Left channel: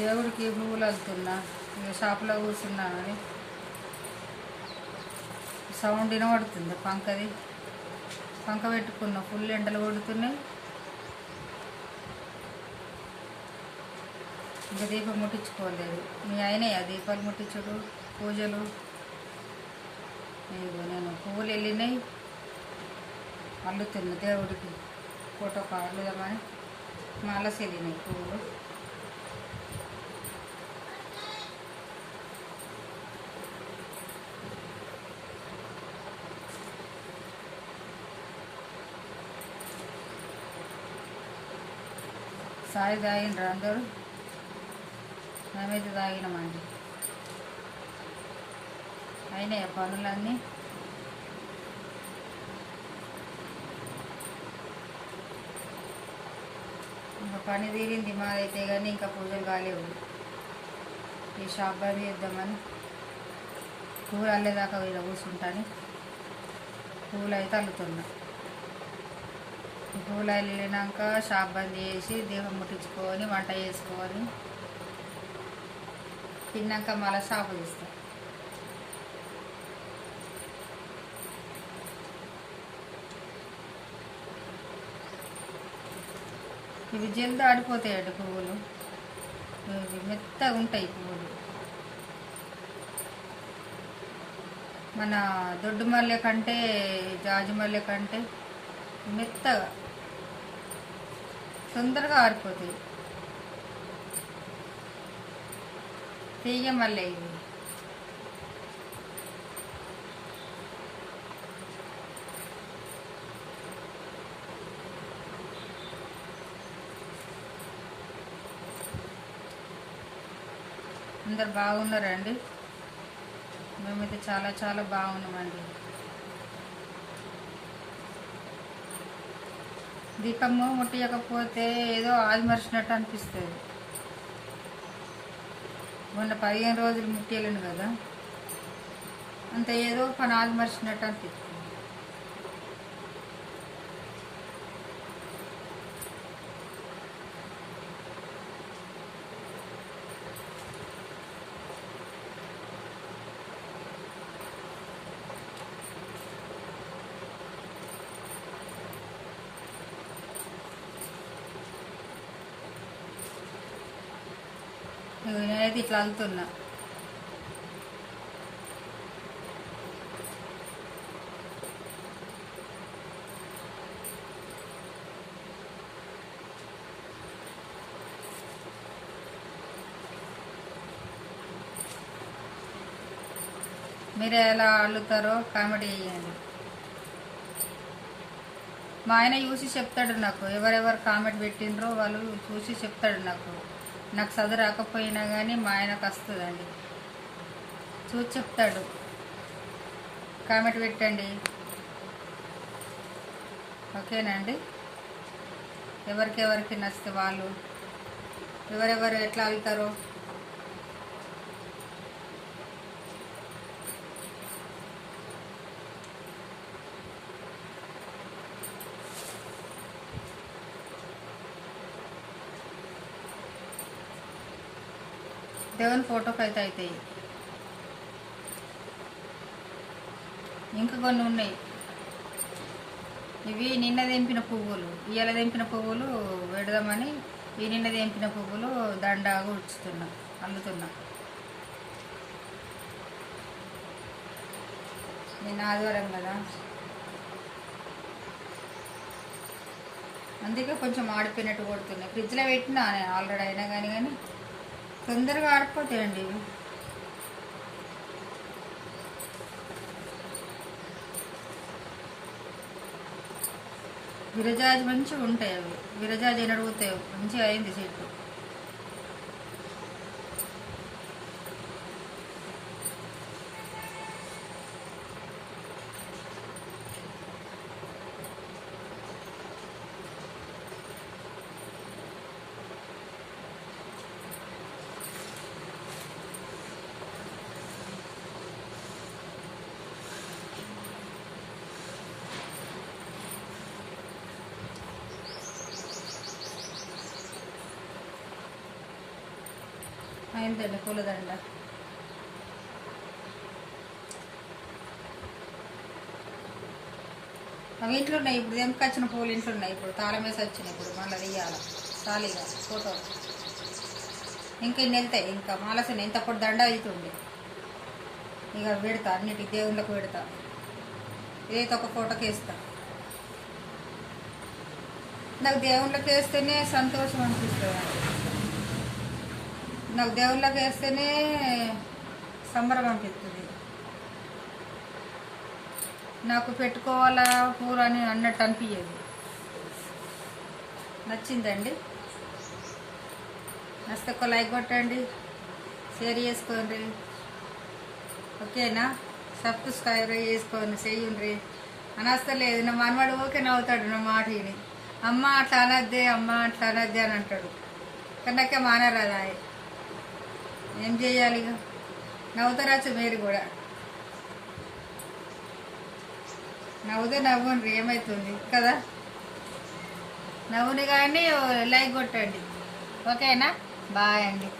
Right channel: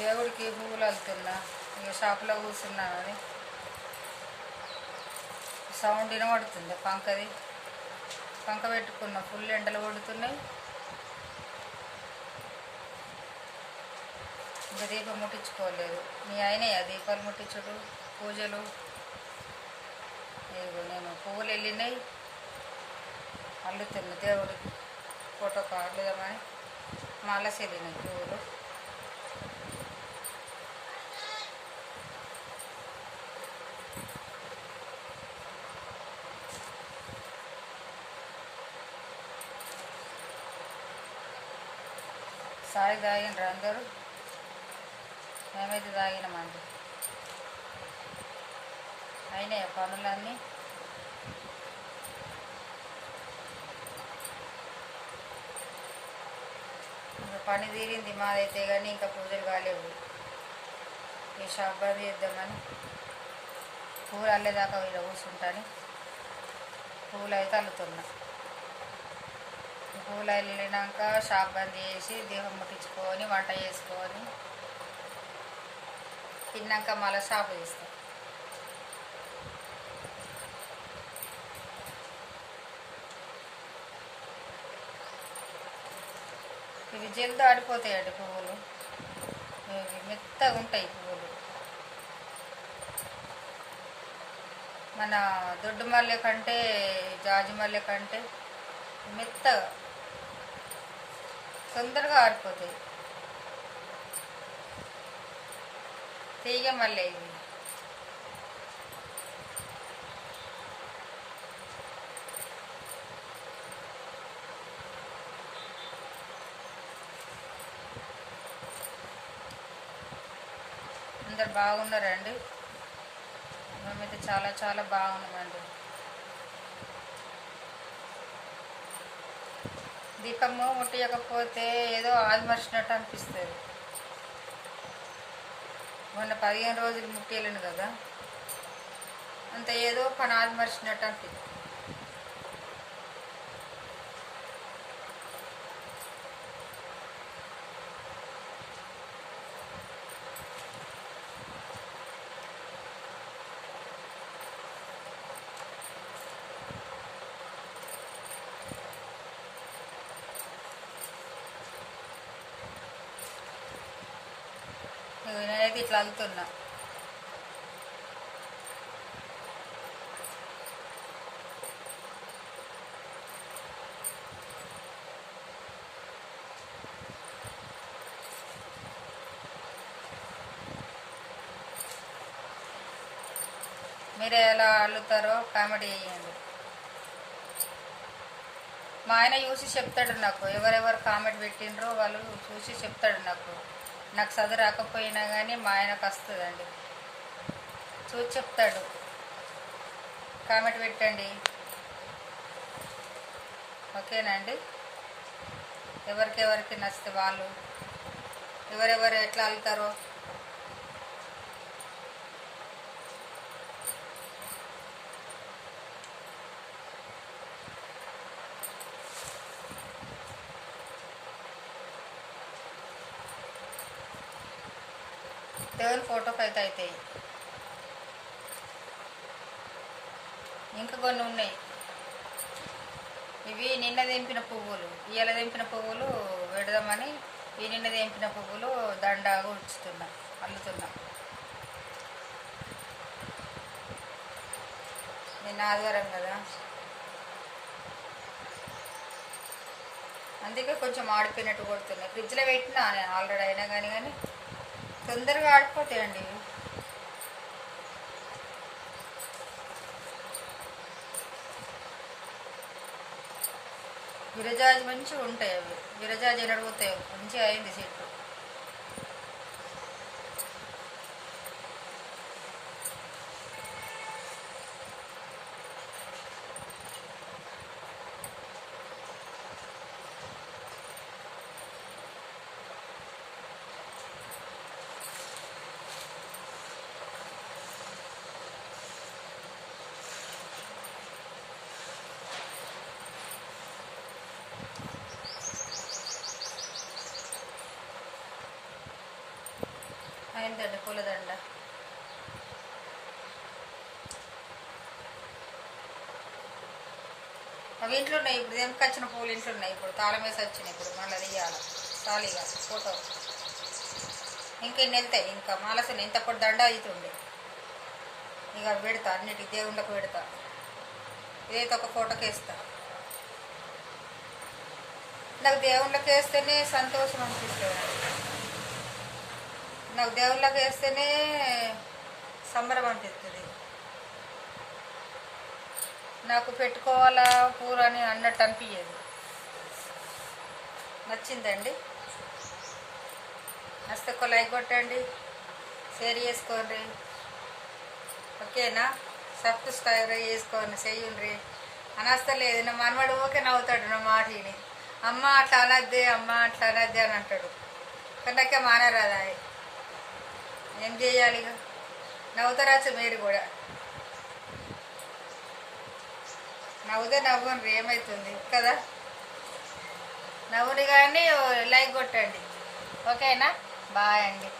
దేవుడికి పువ్వులు వెళ్తున్నా. ఇక షాప్లో కూర్చున్నా అని సౌండ్ వినబడుతుంది. పంక పెట్టుకున్నా. ఫుల్ ఎండలు కొడుతున్నాయి. ఇంకా దీపం ముట్టించుకోలేదు. మీ అయినాయా దీపాలు ముట్టించుడు పూజలు? ఇదిగో నేను పువ్వులు వెళ్ళినాయి అల్లుతున్నా. దేవుడికి ఫోటో కార్లేదామని మాలసి వెళ్ళినాయి పువ్వులు. సాయి తాగినరు అందరూ. మేమైతే తాగినామండి. అయినాయి పనులన్నీ. ఇంకా పని తీరింది మాదైతే, కానీ ఇంకా పూజలు కాలేవు. ఈ షాప్ బంద్ చేద్దామని పువ్వులు అల్లేదాకా వీడ కూర్చుంటాను. పువ్వులు అయితే అల్లుతున్నా. పువ్వులు వెళ్ళినాక షాప్ బంద్ చేసి దీపం ముట్టించుకొని వంట చేసుకొని తిన్నాక మళ్ళీ షాపు తీస్తాం. ఇవి జల్ది ఆడిపోతాయండి పువ్వులు. మెత్తగా ఉంటాయి పువ్వులు. మన దొడ్డు మల్లె కంటే జాజి మల్లె కంటే మెత్తగా తొందరగా ఆరిపోతుంది. తీగ మల్లె ఇవి. అందరు బాగున్నారండి. మేమైతే చాలా చాలా బాగున్నామండి. దీపము ముట్టియకపోతే ఏదో ఆదిమర్చినట్టు అనిపిస్తుంది. మొన్న 15 రోజులు ముట్టియలేను కదా, అంత ఏదో పని ఆదిమర్చినట్టు అనిపిస్తుంది. నేనైతే ఇట్లా అల్లుతున్నా. మీరు ఎలా అల్లుతారో కామెడీ చేయండి. మా ఆయన చూసి చెప్తాడు నాకు. ఎవరెవరు కామెంట్ పెట్టిండ్రో వాళ్ళు చూసి చెప్తాడు నాకు. నాకు చదువు రాకపోయినా కానీ మా ఆయనకు వస్తుందండి. చూసి చెప్తాడు, కామెంట్ పెట్టండి. ఓకేనండి. ఎవరికి నచ్చితే వాళ్ళు ఎవరెవరు ఎట్లా అల్లుతారో దేవుని ఫోటోకి అయితే అవుతాయి. ఇంకా కొన్ని ఉన్నాయి. ఇవి నిన్న తెంపిన పువ్వులు, ఇవాళ తెంపిన పువ్వులు పెడదామని ఈ నిన్న తెంపిన పువ్వులు దండ కూర్చుతున్నా, అల్లుతున్నా. నిన్న ఆదివారం కదా, అందుకే కొంచెం ఆడిపోయినట్టు కొడుతున్నా. ఫ్రిడ్జ్లో పెట్టినా ఆల్రెడీ అయినా కానీ తొందరగా ఆడిపోతాయండి. విరజాజి మంచిగా ఉంటాయి. అవి విరజాజి అని అడుగుతాయి. మంచిగా అయింది చెట్టు. అయిందండి పూలదండ. అవి ఇంట్లో ఉన్నాయి. ఇప్పుడు తెంపుకొచ్చిన పూలు ఇంట్లో ఉన్నాయి. ఇప్పుడు తాళం వేసి వచ్చినాయి. ఇప్పుడు మళ్ళీ తీయాలి ఖాళీగా ఫోటో. ఇంకా ఇన్ని వెళ్తాయి. ఇంకా మాలసిన ఇంత పొడి దండ అవుతుంది. ఇక పెడతా అన్నిటి దేవుళ్ళకు పెడతా. ఏదో ఒక ఫోటోకి వేస్తా. నాకు దేవుళ్ళకి వేస్తేనే సంతోషం అనిపిస్తుంది. నాకు దేవుళ్ళకి వేస్తేనే సంబరం అనిపిస్తుంది. నాకు పెట్టుకోవాలా పూలు అని అన్నట్టు అనిపించేది. నచ్చిందండి. నచ్చితే ఒక లైక్ కొట్టండి, షేర్ చేసుకోండి. ఓకేనా? సబ్స్క్రైబ్ చేసుకోండి, చెయ్యండి. అనస్తలేదు నా మనవాడు ఓకే నవ్వుతాడు నా మాట విని. అమ్మ అట్లా అనద్దే, అమ్మ అట్లా అనద్దే అని అంటాడు. కానీ నాకే మానరాదా. ఏం చేయాలి? ఇక నవ్వుతారాచ్చు మీరు కూడా. నవ్వుతే నవ్వండి, ఏమవుతుంది కదా. నవ్వుని కానీ లైక్ కొట్టండి. ఓకేనా? బాయ్ అండి.